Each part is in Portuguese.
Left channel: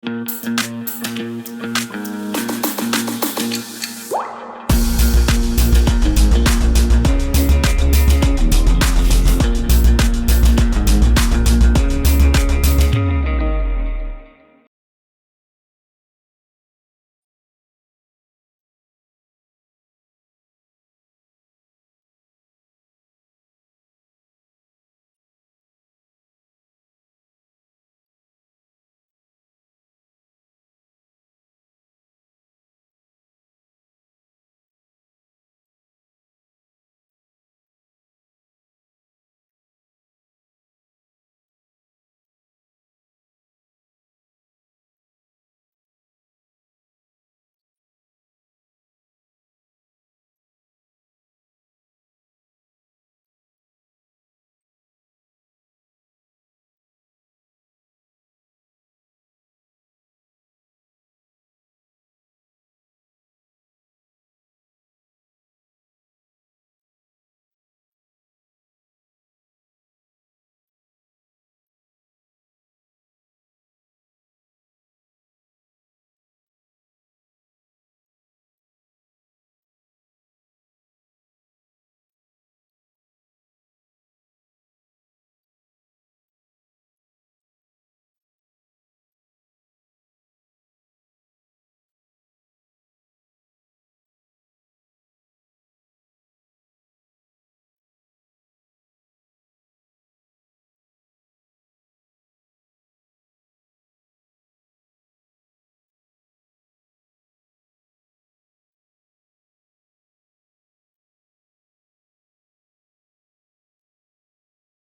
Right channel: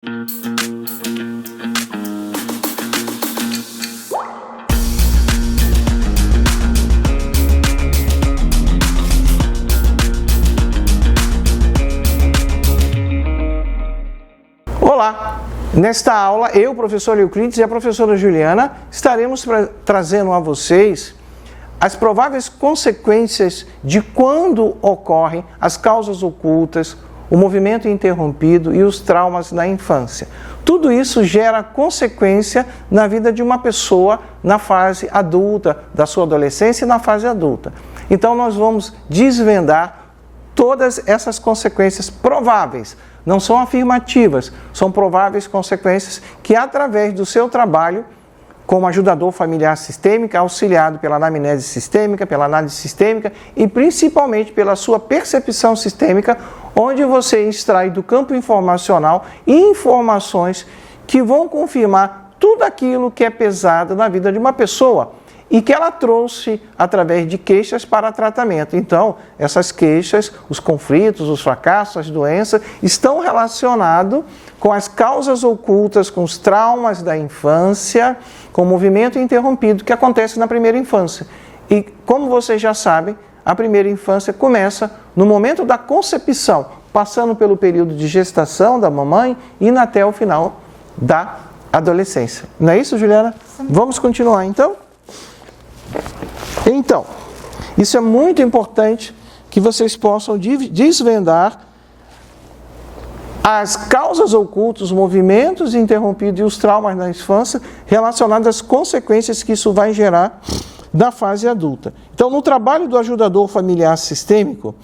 Olá! Nesta aula, eu, professor Euclides, e a professora Juliana estaremos trazendo a vocês as prováveis consequências de quando ocorrem as causas ocultas, o movimento interrompido e os traumas na infância. Tudo isso gera consequência na vida de uma pessoa na fase adulta, da sua adolescência e na fase adulta. Então, nós vamos desvendar todas essas consequências prováveis. Não são afirmativas, são prováveis consequências que, através do seu trabalho como ajudador familiar sistêmico, auxiliado pela anamnese sistêmica, pela análise sistêmica e principalmente pela sua percepção sistêmica, onde você extrai do campo informacional informações que vão confirmar tudo aquilo que é pesado na vida de uma pessoa e que ela trouxe através de queixas para tratamento. Então, essas queixas, os conflitos, os fracassos, as doenças, estão relacionados com as causas ocultas, com os traumas da infância, com o movimento interrompido que acontece na primeira infância. E, como vocês já sabem, a primeira infância começa no momento da concepção, passando pelo período de gestação da mamãe e indo até o final da adolescência. Não é isso, Juliana? Sim. Vamos continuar, então? Então, isso é muito importante que vocês possam desvendar as causas ocultas, os movimentos interrompidos e os traumas na infância relacionados às consequências que isso vai gerar na fase adulta. Então, no trabalho do ajudador familiar sistêmico,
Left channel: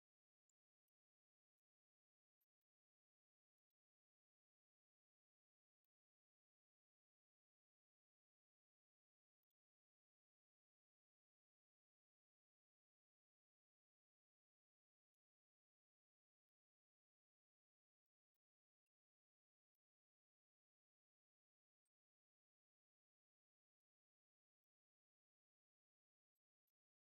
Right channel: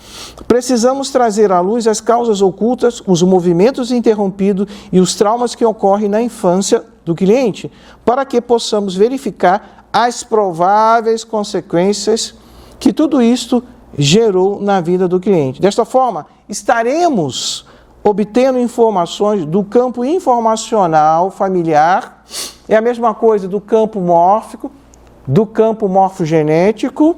precisamos trazer à luz as causas ocultas, os movimentos interrompidos e os traumas que ocorrem na infância do cliente, para que possamos verificar as prováveis consequências que tudo isto gerou na vida do cliente. Desta forma, estaremos obtendo informações do campo informacional familiar, é a mesma coisa do campo mórfico, do campo morfogenético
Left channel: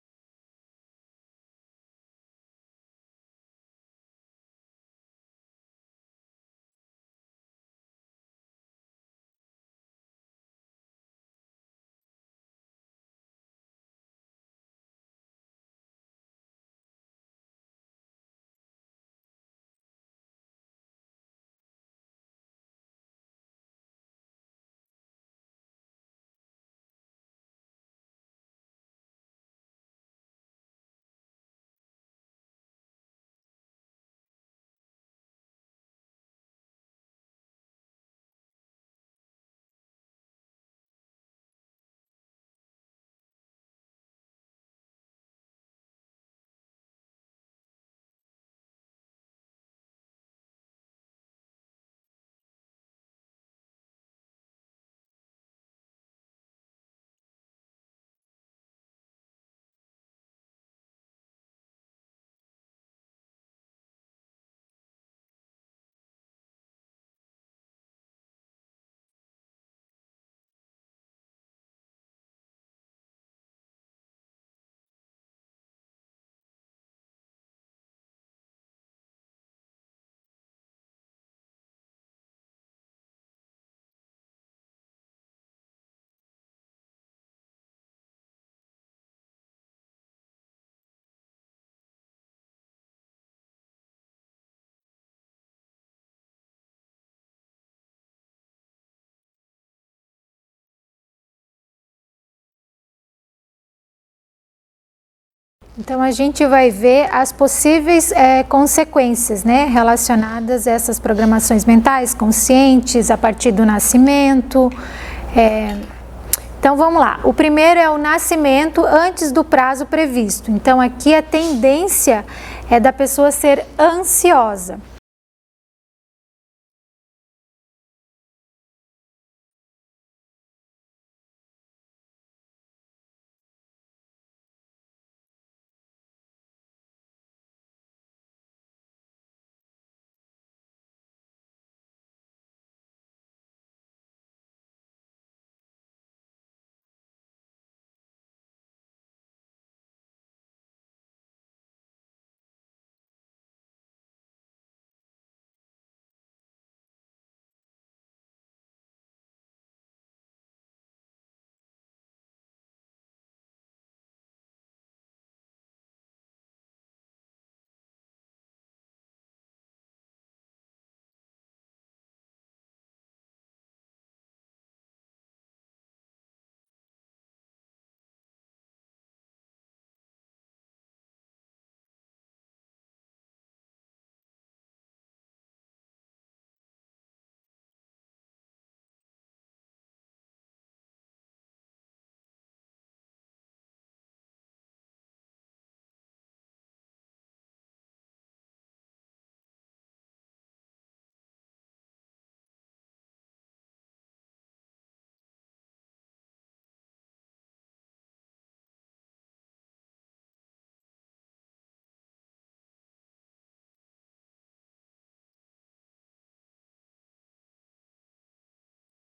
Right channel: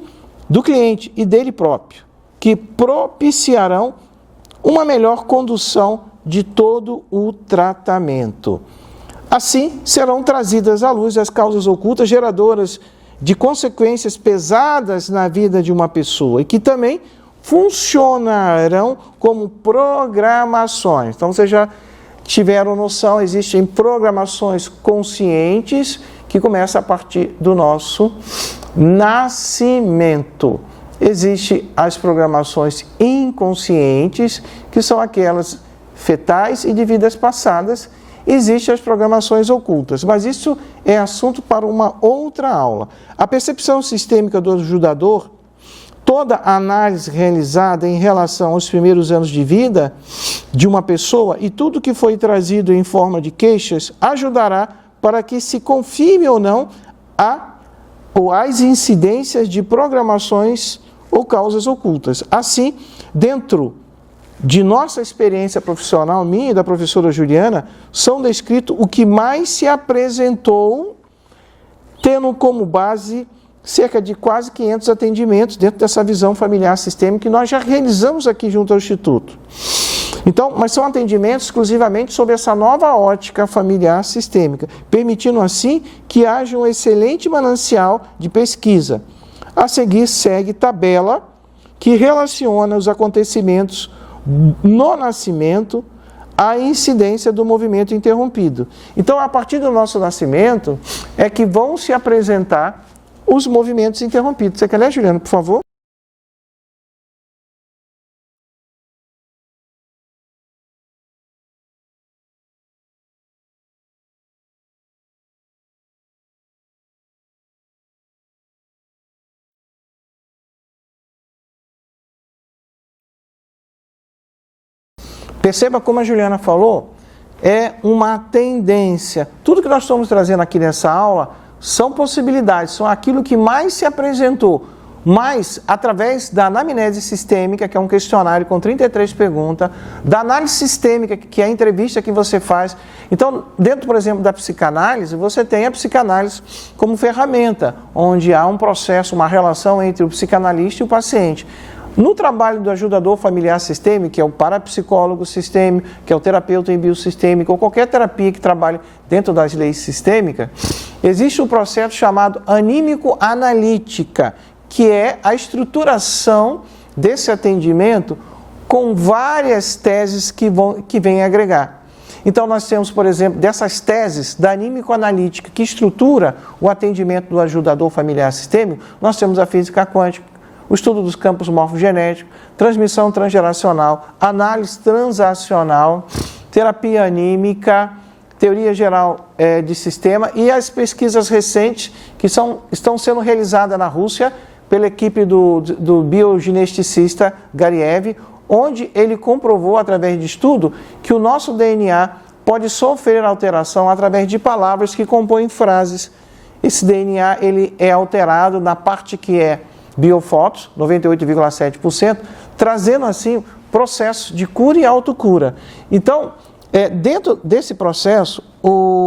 do cliente e dele próprio, que propiciarão uma melhor condução de todo o tratamento. Assim, serão trazidas à luz as causas ocultas geradoras de consequências pesadas na vida de uma pessoa e que também funcionarão como programações. Então, vocês já tiveram noção, existem programações conscientes que começam a partir do nosso nascimento. Existem as programações inconscientes, que são aquelas fetais e de vidas passadas. Existem as programações ocultas, mas isso é assunto para uma outra aula. A percepção sistêmica do ajudador, toda a análise realizada em relação aos primeiros anos de vida de uma pessoa e tudo que foi trazido em forma de queixas ajudará para que se confirme ou não as incidências de programações ou causas ocultas. Assim, dentro de nossa experiência profissional, minha e da professora Juliana, são descritos o que mais se apresentou, tendo como base cerca de quase 500 atendimentos dentro dessa visão familiar sistêmica que nós já realizamos aqui junto ao Instituto. Então, mas são atendimentos exclusivamente sobre essa nova ótica familiar sistêmica, permitindo assim que haja um excelente manancial de pesquisa. A seguir segue tabela que relaciona os acontecimentos no nascimento, a incidência do movimento interrompido. Então, a partir do nosso nascimento, é que vão se apresentar os movimentos interrompidos. Você quer ler, Juliana, por favor? Então, a gente vai ver as possíveis consequências, né, relacionadas a essas programações mentais conscientes a partir do nascimento. Então, vamos lá. O primeiro é o nascimento antes do prazo previsto. Então, aqui a tendência é da pessoa ser ansiosa. Perceba como a Juliana falou, é uma tendência. Tudo que nós estamos trazendo aqui nessa aula são possibilidades, são aquilo que mais se apresentou. Mas, através da anamnese sistêmica, que é um questionário com 33 perguntas, da análise sistêmica, que é a entrevista que você faz. Então, dentro, por exemplo, da psicanálise, você tem a psicanálise como ferramenta, onde há um processo, uma relação entre o psicanalista e o paciente. No trabalho do ajudador familiar sistêmico, que é o parapsicólogo sistêmico, que é o terapeuta em biosistêmico, ou qualquer terapia que trabalhe dentro das leis sistêmicas, existe um processo chamado anímico-analítica, que é a estruturação desse atendimento com várias teses que vêm agregar. Então, nós temos, por exemplo, dessas teses da anímico-analítica que estrutura o atendimento do ajudador familiar sistêmico, nós temos a física quântica, o estudo dos campos morfogenéticos, transmissão transgeracional, análise transacional, terapia anímica, teoria geral de sistema e as pesquisas recentes que estão sendo realizadas na Rússia pela equipe do biogeneticista Gariev, onde ele comprovou, através de estudo, que o nosso DNA pode sofrer alteração através de palavras que compõem frases. Esse DNA ele é alterado na parte que é biofotos, 98,7%, trazendo assim processos de cura e autocura. Então, dentro desse processo,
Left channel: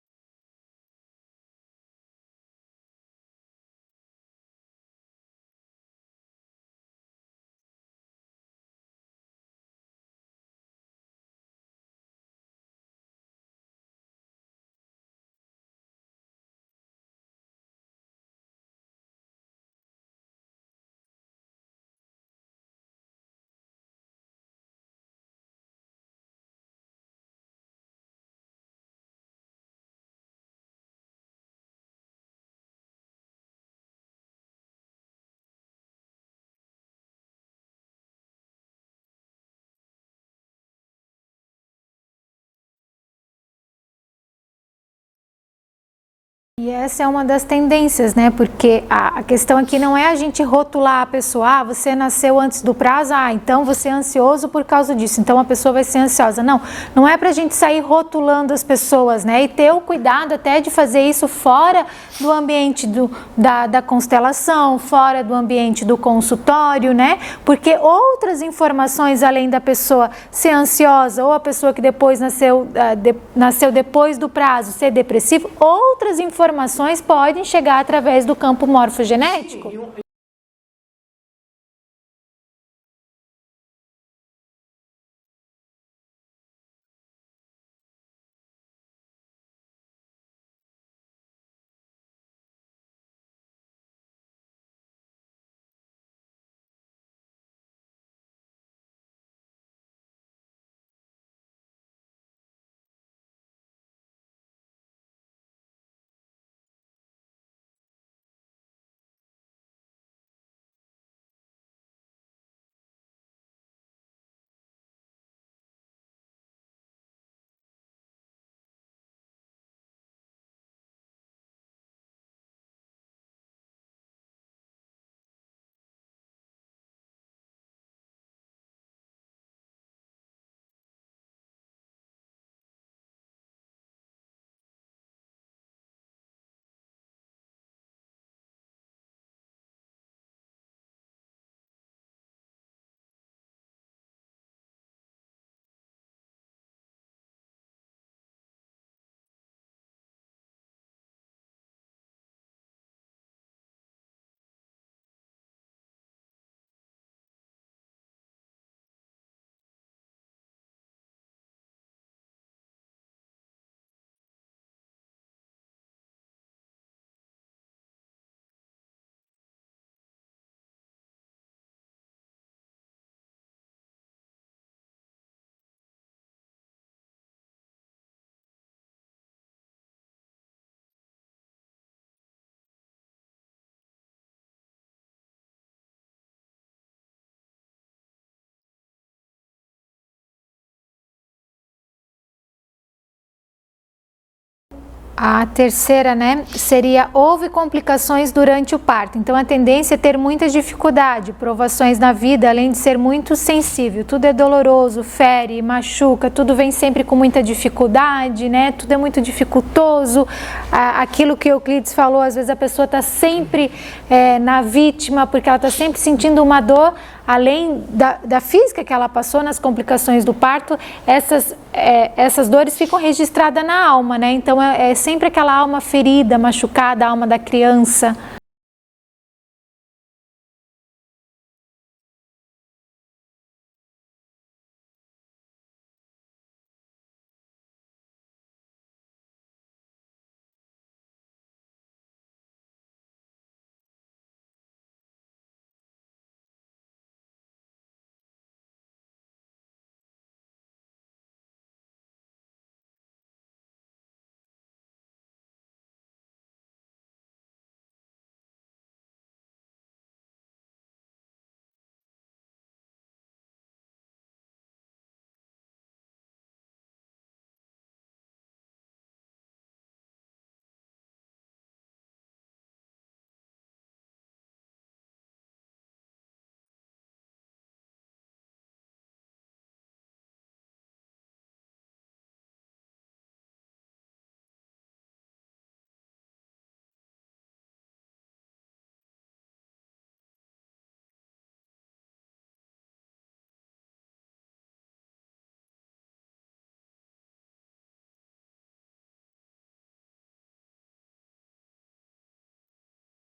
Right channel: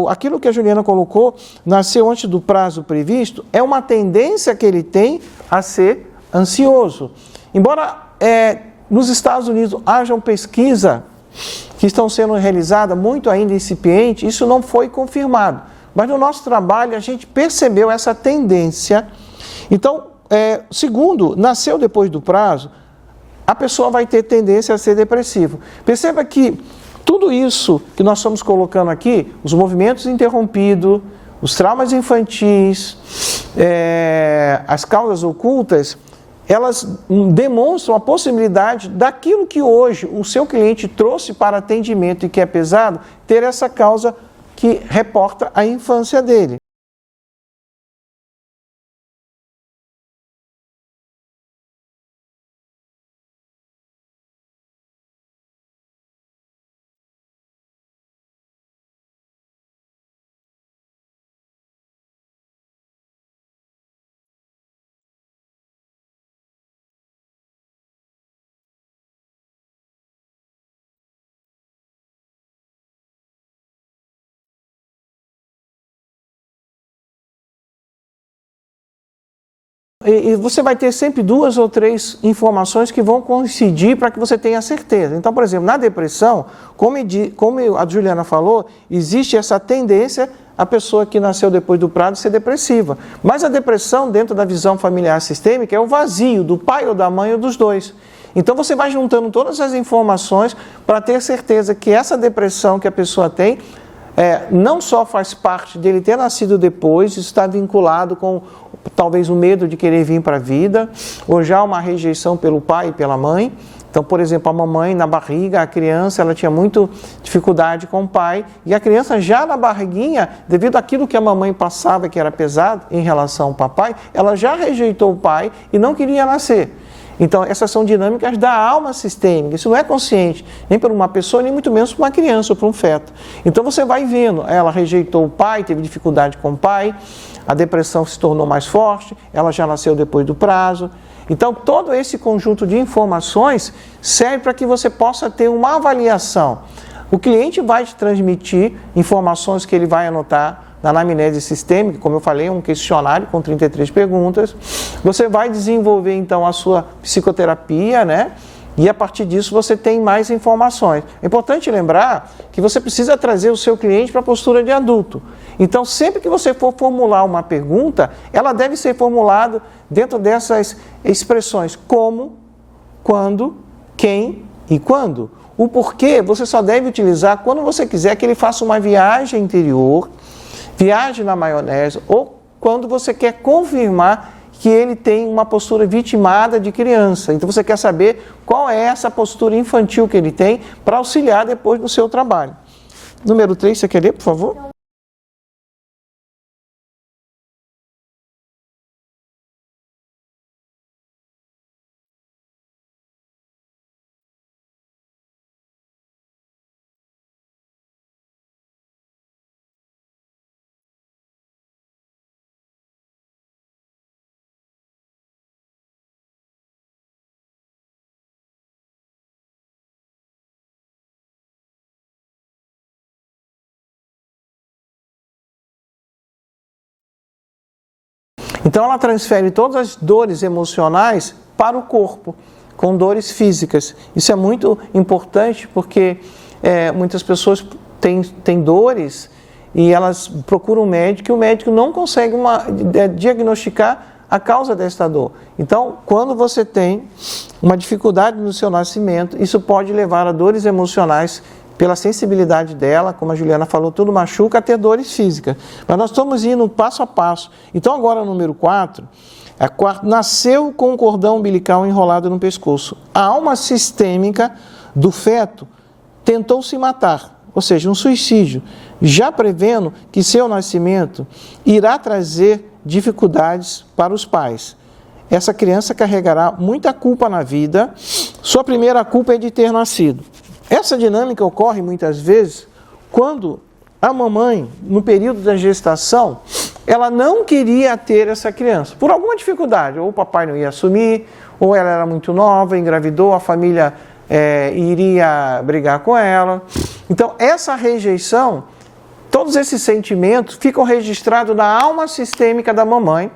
aquilo que a Juliana colocou, nasceu antes do prazo previsto, é uma tendência que ele tem a ser ansioso. Embora nos Estados Unidos hajam pesquisa que estão sendo realizadas, muito ainda incipiente, isso não foi confirmado. Mas no nosso trabalho a gente percebeu essa tendência. Então, segundo, nasceu depois do prazo, a pessoa vai ter tendência a ser depressivo. Perceba que tudo isso que nós estamos colocando aqui, os movimentos interrompidos, os traumas infantis, as causas ocultas, elas demonstram a possibilidade daquilo que hoje o seu cliente trouxe para atendimento e que é pesado, ter essa causa que reporta a infância dele. E essa é uma das tendências, né? Porque a questão aqui não é a gente rotular a pessoa, você nasceu antes do prazo, então você é ansioso por causa disso, então a pessoa vai ser ansiosa. Não é pra gente sair rotulando as pessoas, né? E ter o cuidado até de fazer isso fora do ambiente da constelação, fora do ambiente do consultório, né? Porque outras informações, além da pessoa ser ansiosa ou a pessoa que depois nasceu depois do prazo, ser depressivo, outras informações podem chegar através do campo morfogenético. E você vai ter sempre 2 ou 3 informações que vão coincidir para que você tenha certeza. Então, por exemplo, na depressão, como a Juliana falou, existe essa tendência a pessoa que nasceu depois do prazo ser depressiva. Mas a depressão, dentro da visão familiar sistêmica, é o vazio do pai ou da mãe ou dos dois. Então você vai juntando todas as informações para ter certeza que essa depressão que a pessoa tem não só faz parte dele ter nascido depois, isso está vinculado com talvez o medo de querer vir para a vida, ou já uma rejeição pelo pai e pela mãe. Então, por exemplo, a mamãe na barriga, a criança, ela tinha muito dificuldade com o pai, e a criança já na barriguinha, devido àquilo que a mamãe passava, que era pesado em relação ao papai, ela já rejeitou o pai e não queria nascer. Então, essas são dinâmicas da alma sistêmica, isso não é consciente, nem para uma pessoa, nem muito menos para uma criança ou para um feto. Então, você vai vendo, ela rejeitou o pai, teve dificuldade com o pai, a depressão se tornou mais forte, ela já nasceu depois do prazo. Então, todo esse conjunto de informações serve para que você possa ter uma avaliação. O cliente vai te transmitir informações que ele vai anotar na anamnese sistêmica, como eu falei, um questionário com 33 perguntas. Você vai desenvolver, então, a sua psicoterapia, né? E a partir disso você tem mais informações. É importante lembrar que você precisa trazer o seu cliente para a postura de adulto. Então, sempre que você for formular uma pergunta, ela deve ser formulada dentro dessas expressões como, quando, quem e quando. O porquê você só deve utilizar quando você quiser que ele faça uma viagem interior, viagem na maionese, ou quando você quer confirmar que ele tem uma postura vitimada de criança. Então você quer saber qual é essa postura infantil que ele tem para auxiliar depois no seu trabalho. Número 3, você quer ler, por favor? A terceira, né, seria houve complicações durante o parto. Então a tendência é ter muita dificuldade, provações na vida, além de ser muito sensível. Tudo é doloroso, fere, machuca, tudo vem sempre com muita dificuldade, né? Tudo é muito dificultoso. Aquilo que Euclides falou, às vezes a pessoa está sempre na vítima, porque ela está sempre sentindo uma dor, além da física que ela passou nas complicações do parto, essas dores ficam registradas na alma, né? Então é sempre aquela alma ferida, machucada, a alma da criança. Então ela transfere todas as dores emocionais para o corpo. com dores físicas. Isso é muito importante porque muitas pessoas têm dores e elas procuram um médico e o médico não consegue diagnosticar a causa desta dor. Então, quando você tem uma dificuldade no seu nascimento, isso pode levar a dores emocionais pela sensibilidade dela, como a Juliana falou, tudo machuca, a ter dores físicas. Mas nós estamos indo passo a passo. Então, agora, número 4, nasceu com o cordão umbilical enrolado no pescoço. A alma sistêmica do feto tentou se matar, ou seja, um suicídio, já prevendo que seu nascimento irá trazer dificuldades para os pais. Essa criança carregará muita culpa na vida. Sua primeira culpa é de ter nascido. Essa dinâmica ocorre muitas vezes quando a mamãe, no período da gestação, ela não queria ter essa criança, por alguma dificuldade, ou o papai não ia assumir, ou ela era muito nova, engravidou, a família iria brigar com ela. Então, essa rejeição, todos esses sentimentos ficam registrados na alma sistêmica da mamãe,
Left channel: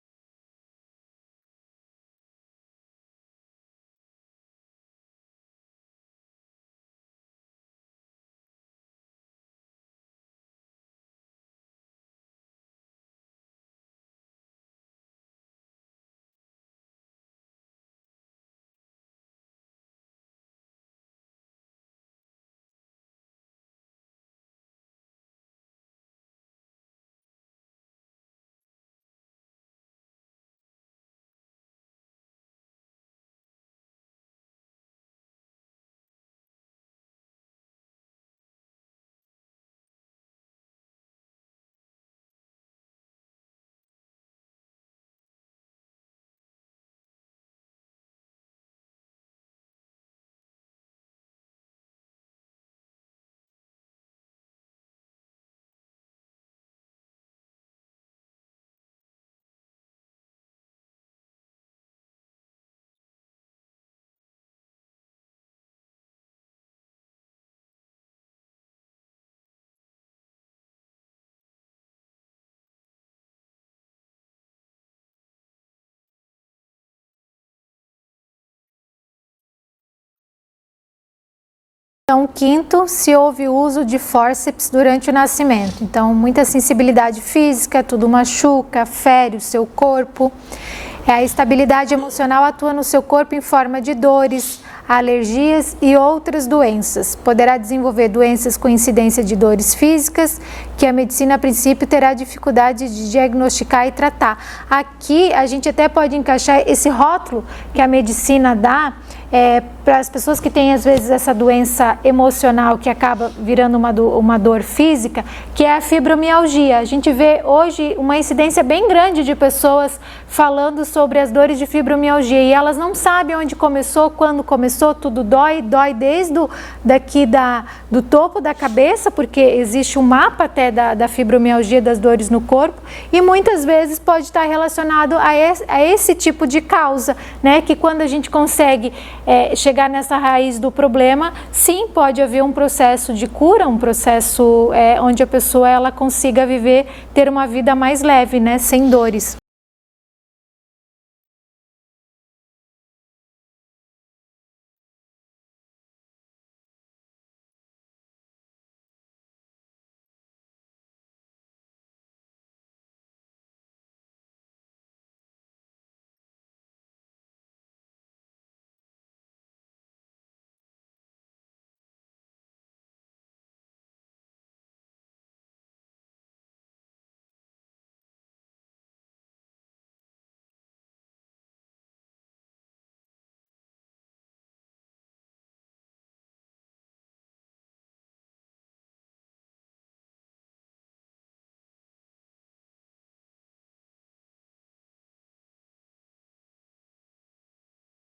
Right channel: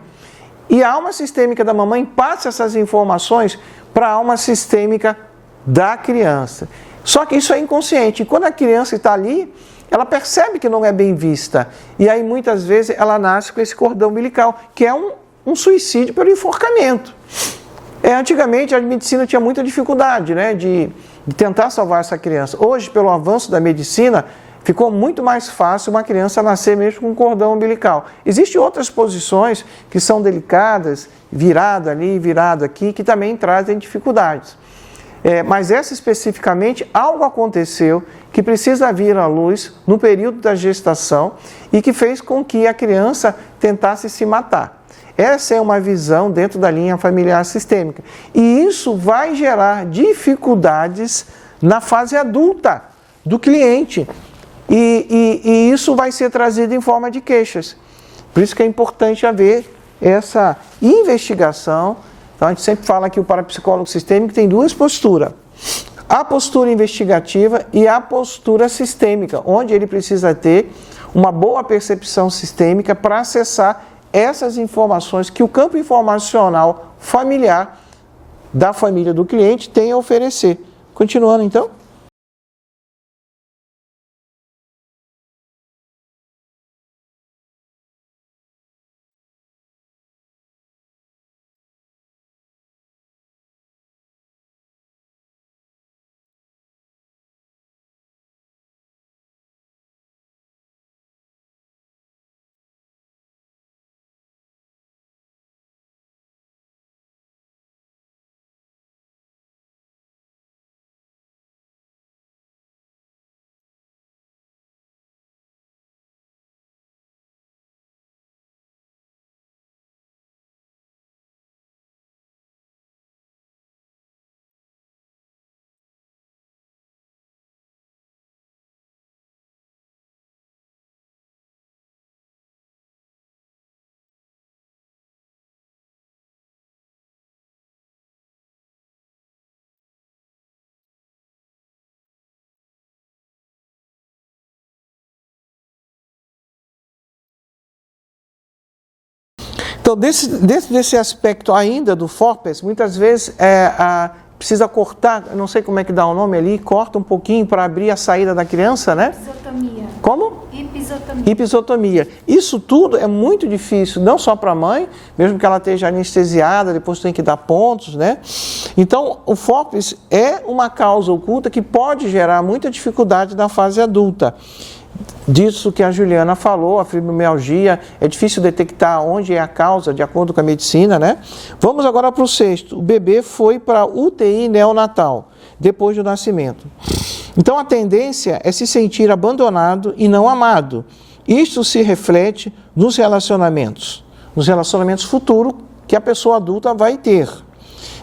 e a alma sistêmica da mamãe passa essas informações para a alma sistêmica da criança. Só que isso é inconsciente. E quando a criança está ali, ela percebe que não é bem vista. E aí, muitas vezes, ela nasce com esse cordão umbilical, que é um suicídio pelo enforcamento. Antigamente, a medicina tinha muita dificuldade, né, de tentar salvar essa criança. Hoje, pelo avanço da medicina, ficou muito mais fácil uma criança nascer mesmo com um cordão umbilical. Existem outras posições que são delicadas, virado ali, virado aqui, que também trazem dificuldades. Mas essa especificamente, algo aconteceu que precisa vir à luz no período da gestação e que fez com que a criança tentasse se matar. Essa é uma visão dentro da linha familiar sistêmica. E isso vai gerar dificuldades na fase adulta do cliente. E isso vai ser trazido em forma de queixas. Por isso que é importante haver essa investigação. Então, a gente sempre fala que o parapsicólogo sistêmico tem duas posturas. A postura investigativa e a postura sistêmica, onde ele precisa ter uma boa percepção sistêmica para acessar essas informações que o campo informacional familiar da família do cliente tem a oferecer. Continuando, então. Então, quinto, se houve uso de fórceps durante o nascimento. Então, muita sensibilidade física, tudo machuca, fere o seu corpo. A estabilidade emocional atua no seu corpo em forma de dores, alergias e outras doenças. Poderá desenvolver doenças com incidência de dores físicas, que a medicina, a princípio, terá dificuldade de diagnosticar e tratar. Aqui, a gente até pode encaixar esse rótulo que a medicina dá para as pessoas que têm, às vezes, essa doença emocional que acaba virando uma dor física, que é a fibromialgia. A gente vê hoje uma incidência bem grande de pessoas falando sobre as dores de fibromialgia e elas não sabem onde começou, quando começou, tudo dói desde do topo da cabeça, porque existe um mapa até da fibromialgia, das dores no corpo, e muitas vezes pode estar relacionado a esse tipo de causa, né? Que quando a gente consegue chegar nessa raiz do problema, sim, pode haver um processo de cura, um processo onde a pessoa ela consiga ter uma vida mais leve, né, sem dores. Então, dentro desse aspecto ainda do FORPES, muitas vezes precisa cortar, não sei como é que dá o nome ali, corta um pouquinho para abrir a saída da criança, né? Episiotomia. Como? Episiotomia. Episiotomia. Isso tudo é muito difícil, não só para a mãe, mesmo que ela esteja anestesiada, depois tem que dar pontos, né? Então, o FORPES é uma causa oculta que pode gerar muita dificuldade na fase adulta. Disso que a Juliana falou, a fibromialgia, é difícil detectar onde é a causa, de acordo com a medicina, né? Vamos agora para o sexto. O bebê foi para a UTI neonatal, depois do nascimento. Então, a tendência é se sentir abandonado e não amado. Isto se reflete nos relacionamentos futuros que a pessoa adulta vai ter.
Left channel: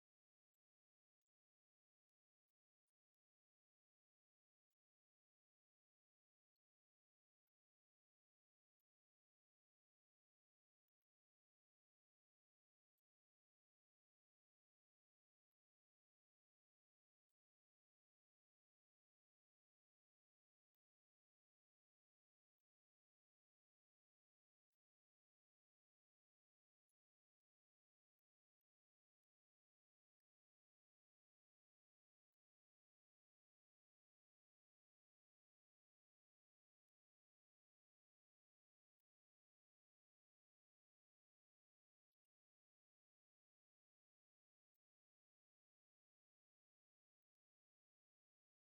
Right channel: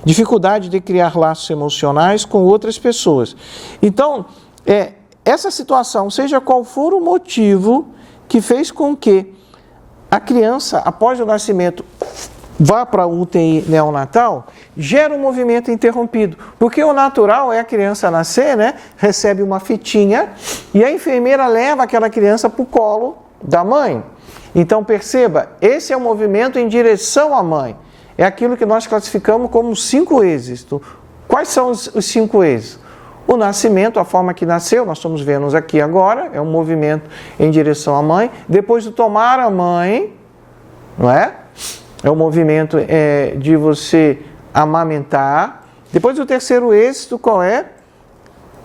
Dificuldade de criar laços emocionais com outras pessoas. Então, essa situação, seja qual for o motivo que fez com que a criança, após o nascimento, vá para a UTI neonatal, gera um movimento interrompido. Porque o natural é a criança nascer, né? Recebe uma fitinha e a enfermeira leva aquela criança para o colo da mãe. Então, perceba, esse é o movimento em direção à mãe. É aquilo que nós classificamos como 5 êxitos. Quais são os 5 E's? O nascimento, a forma que nasceu, nós estamos vendo aqui agora, é um movimento em direção à mãe. Depois do tomar a mãe, não é? É o movimento de você amamentar. Depois o terceiro êxito, qual é?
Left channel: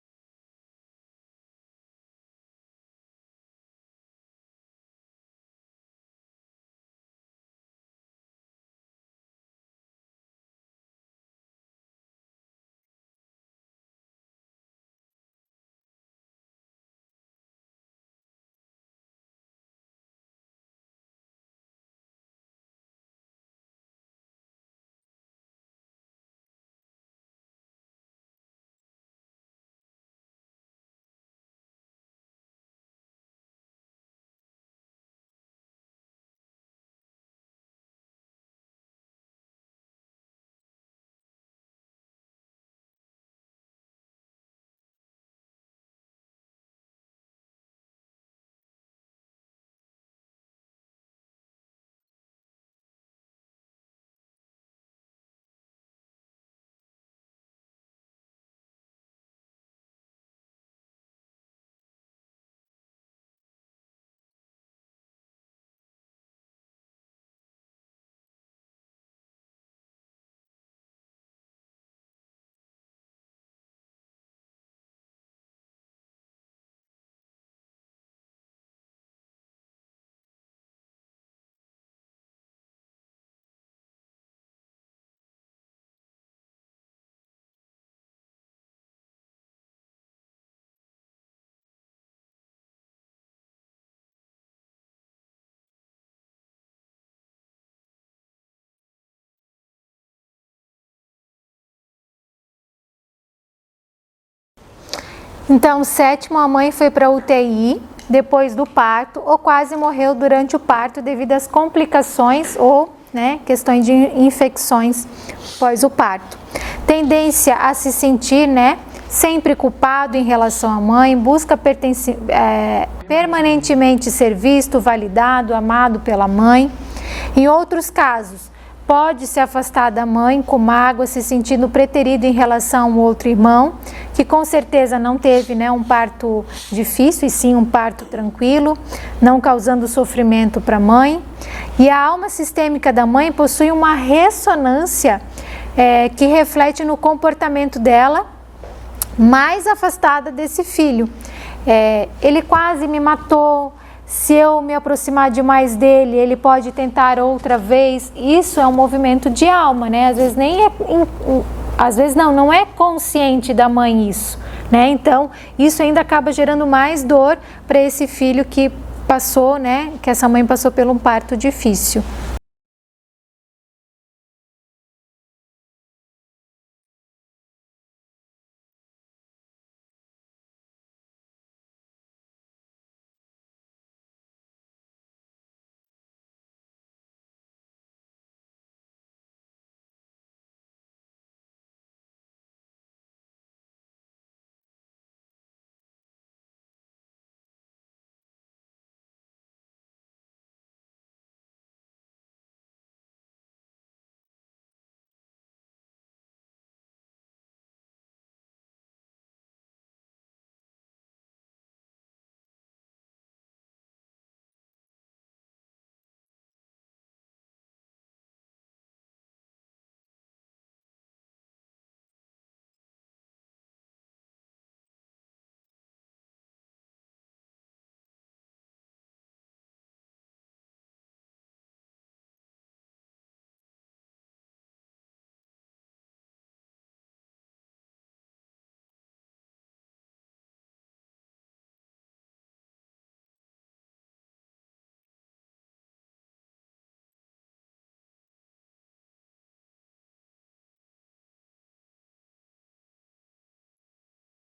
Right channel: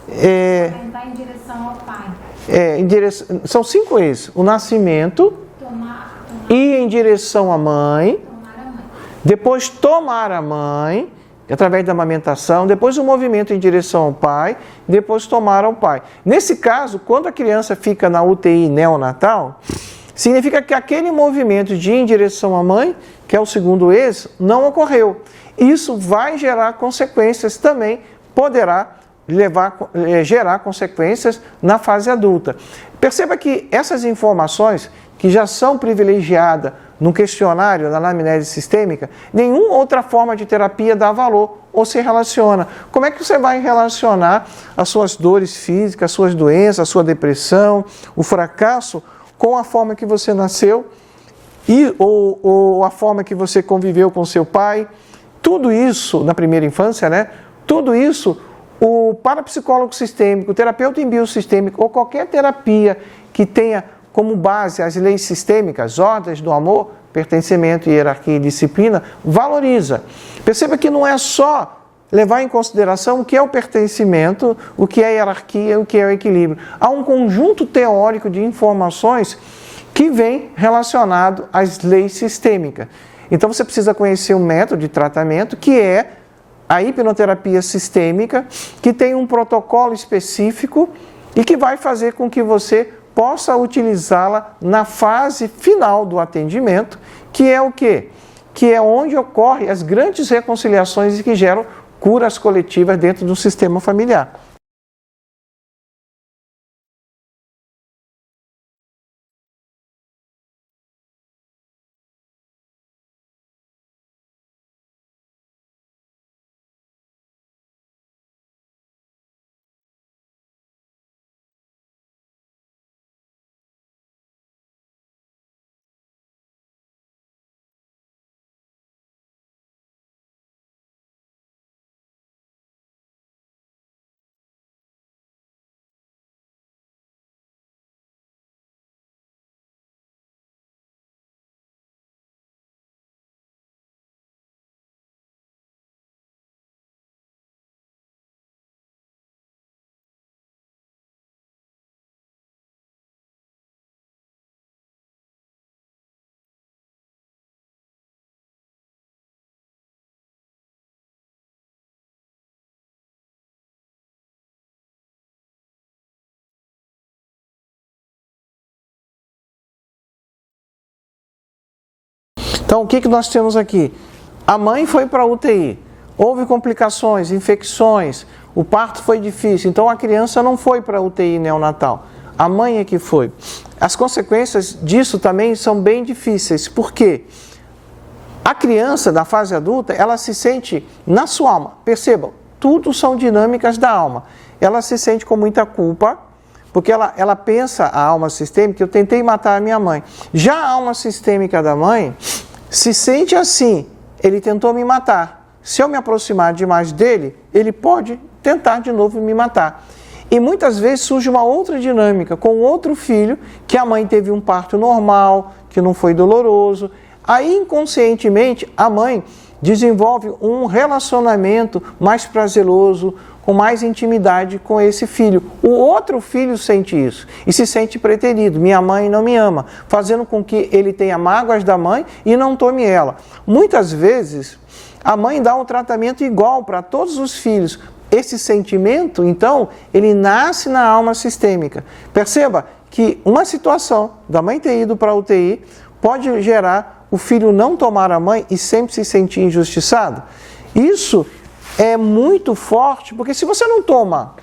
Amamentar em direção ao pai. São 5 E's. O nascimento, ir em direção à mãe, depois tomar a mãe, através da amamentação, depois o movimento em direção ao pai, depois tomar ao pai. Nesse caso, quando a criança fica na UTI neonatal, significa que aquele movimento de ir em direção à mãe, que é o segundo êxito, não ocorreu. Isso vai gerar consequências também, poderá gerar consequências na fase adulta. Perceba que essas informações, que já são privilegiadas no questionário da anamnese sistêmica, nenhuma outra forma de terapia dá valor ou se relaciona. Como é que você vai relacionar as suas dores físicas, as suas doenças, a sua depressão, o fracasso, com a forma que você nasceu ou a forma que você conviveu com seu pai? Tudo isso, na primeira infância, né? Tudo isso, o parapsicólogo sistêmico, o terapeuta em biosistêmico ou qualquer terapia que tenha como base as leis sistêmicas, ordens do amor, pertencimento, hierarquia e disciplina, valoriza. Perceba que não é só levar em consideração o que é o pertencimento, o que é a hierarquia, o que é o equilíbrio. Há um conjunto teórico de informações que vem relacionado às leis sistêmicas. Então você precisa conhecer um método de tratamento que é a hipnoterapia sistêmica, que tem um protocolo específico e que vai fazer com que você possa utilizá-la na fase final do atendimento, que é o quê? Que é onde ocorrem as grandes reconciliações e que geram curas coletivas dentro do sistema familiar. Então, o 7º, a mãe foi para a UTI depois do parto ou quase morreu durante o parto devido às complicações ou questões de infecções após o parto. Tendência a se sentir, sempre culpado em relação à mãe, busca permanentemente ser visto, validado, amado pela mãe. Em outros casos, pode se afastar da mãe com mágoa, se sentindo preterido em relação a um outro irmão, que com certeza não teve um parto difícil, e sim um parto tranquilo, não causando sofrimento para a mãe. E a alma sistêmica da mãe possui uma ressonância que reflete no comportamento dela, mais afastada desse filho. Ele quase me matou, se eu me aproximar demais dele, ele pode tentar outra vez. Isso é um movimento de alma, Às vezes não é consciente da mãe isso, Então, isso ainda acaba gerando mais dor para esse filho que passou, que essa mãe passou por um parto difícil. Então, o que nós temos aqui? A mãe foi para a UTI, houve complicações, infecções, o parto foi difícil, então a criança não foi para a UTI neonatal, a mãe é que foi. As consequências disso também são bem difíceis, porque a criança da fase adulta, ela se sente na sua alma, percebam, tudo são dinâmicas da alma, ela se sente com muita culpa, porque ela pensa, a alma sistêmica, eu tentei matar a minha mãe. Já a alma sistêmica da mãe se sente assim, ele tentou me matar, se eu me aproximar demais dele, ele pode tentar de novo me matar. E muitas vezes surge uma outra dinâmica com outro filho, que a mãe teve um parto normal, que não foi doloroso. Aí, inconscientemente, a mãe desenvolve um relacionamento mais prazeroso, com mais intimidade com esse filho. O outro filho sente isso e se sente preterido. Minha mãe não me ama, fazendo com que ele tenha mágoas da mãe e não tome ela. Muitas vezes, a mãe dá um tratamento igual para todos os filhos. Esse sentimento, então, ele nasce na alma sistêmica. Perceba que uma situação da mãe ter ido para a UTI pode gerar o filho não tomar a mãe e sempre se sentir injustiçado. Isso é muito forte, porque se você não toma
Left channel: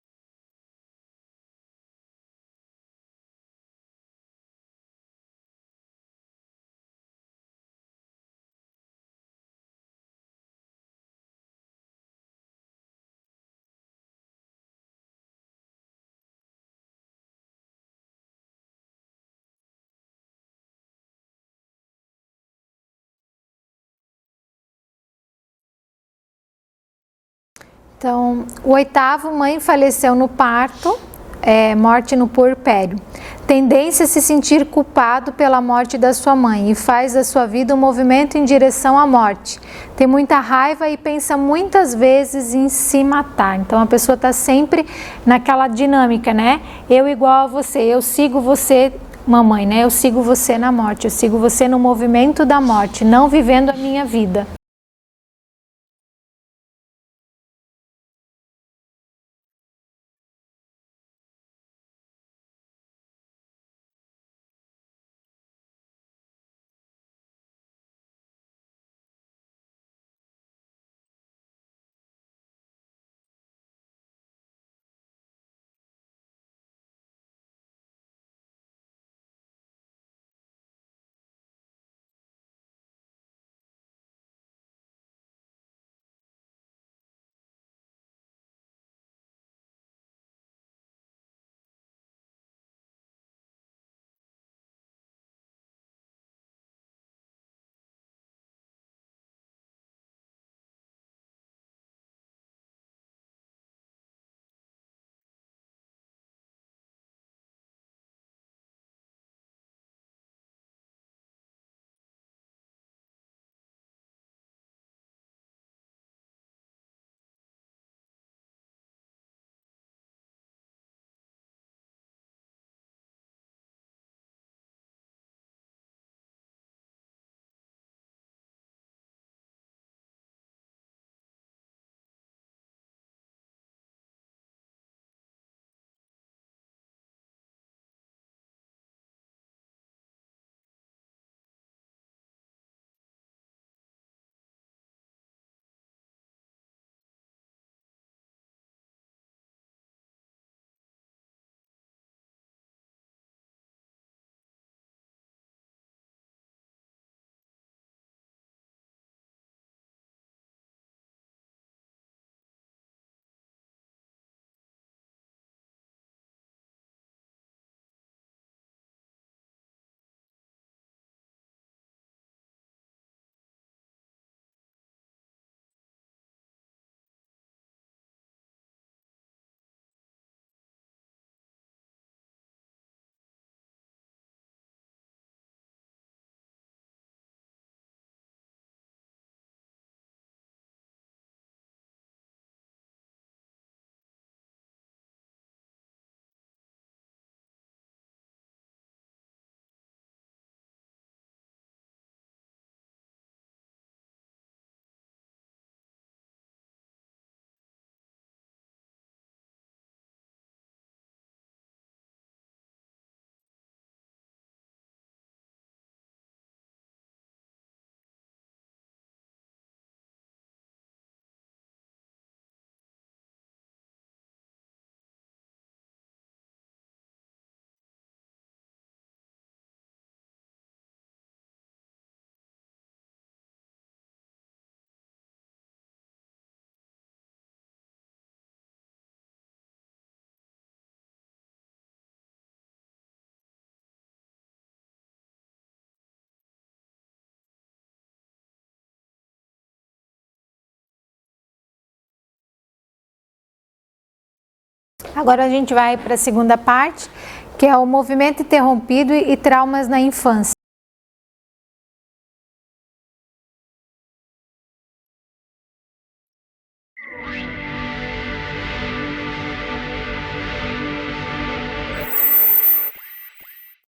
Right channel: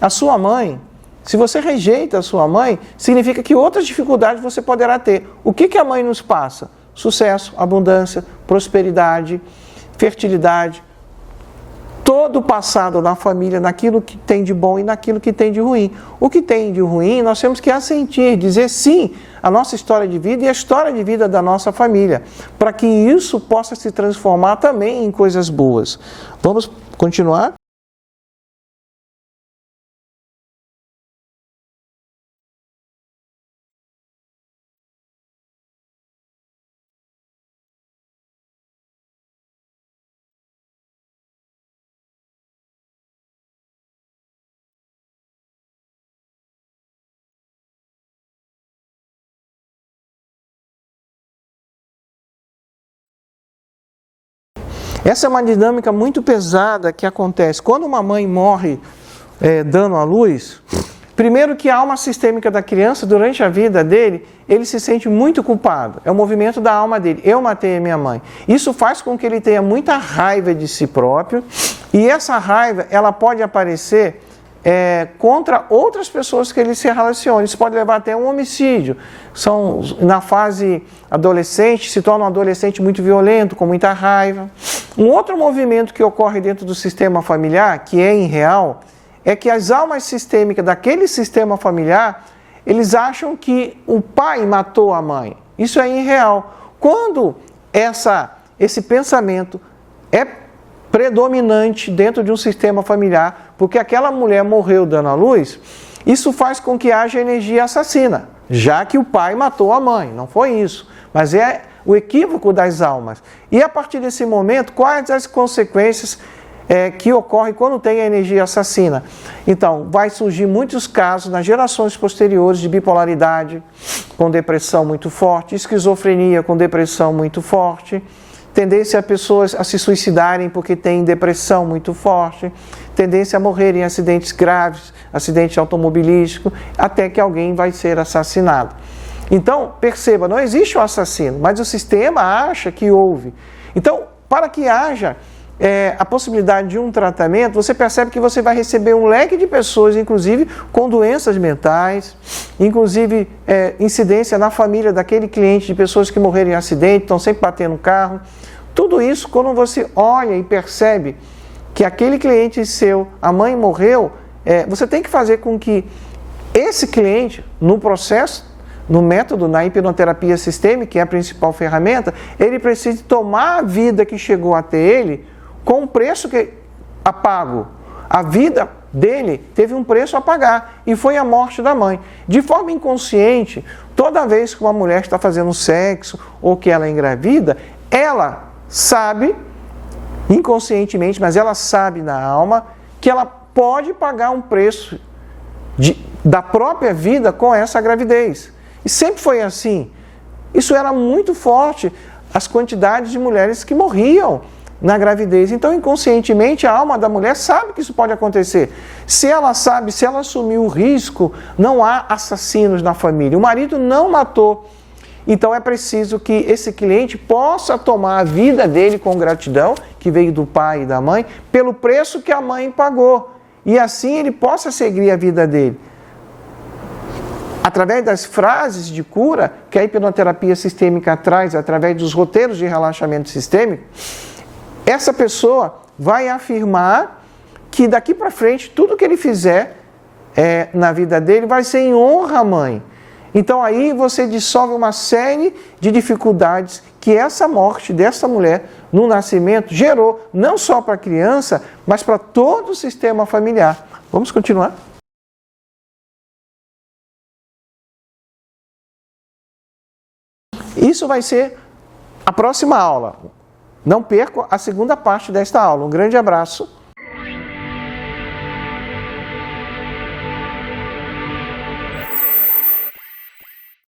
a sua mãe, se você rejeita a sua mãe, significa que outras dificuldades você poderá ter. O que a mãe nos passa? Sucesso, abundância, prosperidade, fertilidade, todo o passado na família, naquilo que tem de bom e naquilo que tem de ruim. O que tem de ruim, nós temos que assentir, dizer sim à nossa história de vida e à história de vida da nossa família, para que isso possa se transformar também em coisas boas. Vamos continuar? Então, o 8º, mãe faleceu no parto, morte no puerpério. Tendência a se sentir culpado pela morte da sua mãe e faz da sua vida um movimento em direção à morte. Tem muita raiva e pensa muitas vezes em se matar. Então a pessoa está sempre naquela dinâmica, né? Eu igual a você, eu sigo você, mamãe, né? Eu sigo você na morte, eu sigo você no movimento da morte, não vivendo a minha vida. Essa é uma dinâmica muito pesada que acontece. Quando uma mãe morre dando à luz, primeiro que a alma sistêmica da criança, durante a vida dele, ele se sente muito culpado. É o movimento da alma dele. Eu matei a minha mãe. Isso faz com que ele tenha muita raiva de si próprio. E essa raiva, ela pode aparecer contra outras pessoas que ele se relaciona. Isso pode levar até a um homicídio. Na fase adolescente, se torna um adolescente muito violento, com muita raiva. Um outro movimento que ocorre dentro do sistema familiar, que é irreal, é que as almas sistêmicas daquele sistema familiar, eles acham que o pai matou a mãe. Isso é irreal. Quando esse pensamento é predominante dentro de um sistema familiar, porque aquela mulher morreu dando à luz, isso faz com que haja energia assassina, já que o pai matou a mãe. Não foi isso, mas é o equívoco das almas. E a partir desse momento, quais as consequências que ocorre quando tem a energia assassina? Então, vai surgir muitos casos nas gerações posteriores de bipolaridade com depressão muito forte, esquizofrenia com depressão muito forte, tendência a pessoas a se suicidarem porque têm depressão muito forte, tendência a morrer em acidentes graves, acidente automobilístico, até que alguém vai ser assassinado. Então, perceba, não existe um assassino, mas o sistema acha que houve. Então, para que haja a possibilidade de um tratamento, você percebe que você vai receber um leque de pessoas, inclusive com doenças mentais, inclusive incidência na família daquele cliente de pessoas que morreram em acidente, estão sempre batendo no carro. Tudo isso, quando você olha e percebe que aquele cliente seu, a mãe morreu, você tem que fazer com que esse cliente, no processo, no método, na hipnoterapia sistêmica, que é a principal ferramenta, ele precise tomar a vida que chegou até ele com o preço a pago. A vida dele teve um preço a pagar e foi a morte da mãe. De forma inconsciente, toda vez que uma mulher está fazendo sexo ou que ela é engravida, ela sabe, inconscientemente, mas ela sabe na alma, que ela pode pagar um preço da própria vida com essa gravidez. E sempre foi assim. Isso era muito forte, as quantidades de mulheres que morriam na gravidez. Então, inconscientemente, a alma da mulher sabe que isso pode acontecer. Se ela sabe, se ela assumir o risco, não há assassinos na família. O marido não matou. Então, é preciso que esse cliente possa tomar a vida dele com gratidão, que veio do pai e da mãe, pelo preço que a mãe pagou. E assim ele possa seguir a vida dele. Através das frases de cura que a hipnoterapia sistêmica traz, através dos roteiros de relaxamento sistêmico, essa pessoa vai afirmar que daqui para frente, tudo que ele fizer na vida dele vai ser em honra à mãe. Então aí você dissolve uma série de dificuldades que essa morte dessa mulher no nascimento gerou, não só para a criança, mas para todo o sistema familiar. Vamos continuar? Agora a gente vai para a segunda parte, que é o movimento interrompido e traumas na infância. Isso vai ser a próxima aula. Não perca a segunda parte desta aula. Um grande abraço.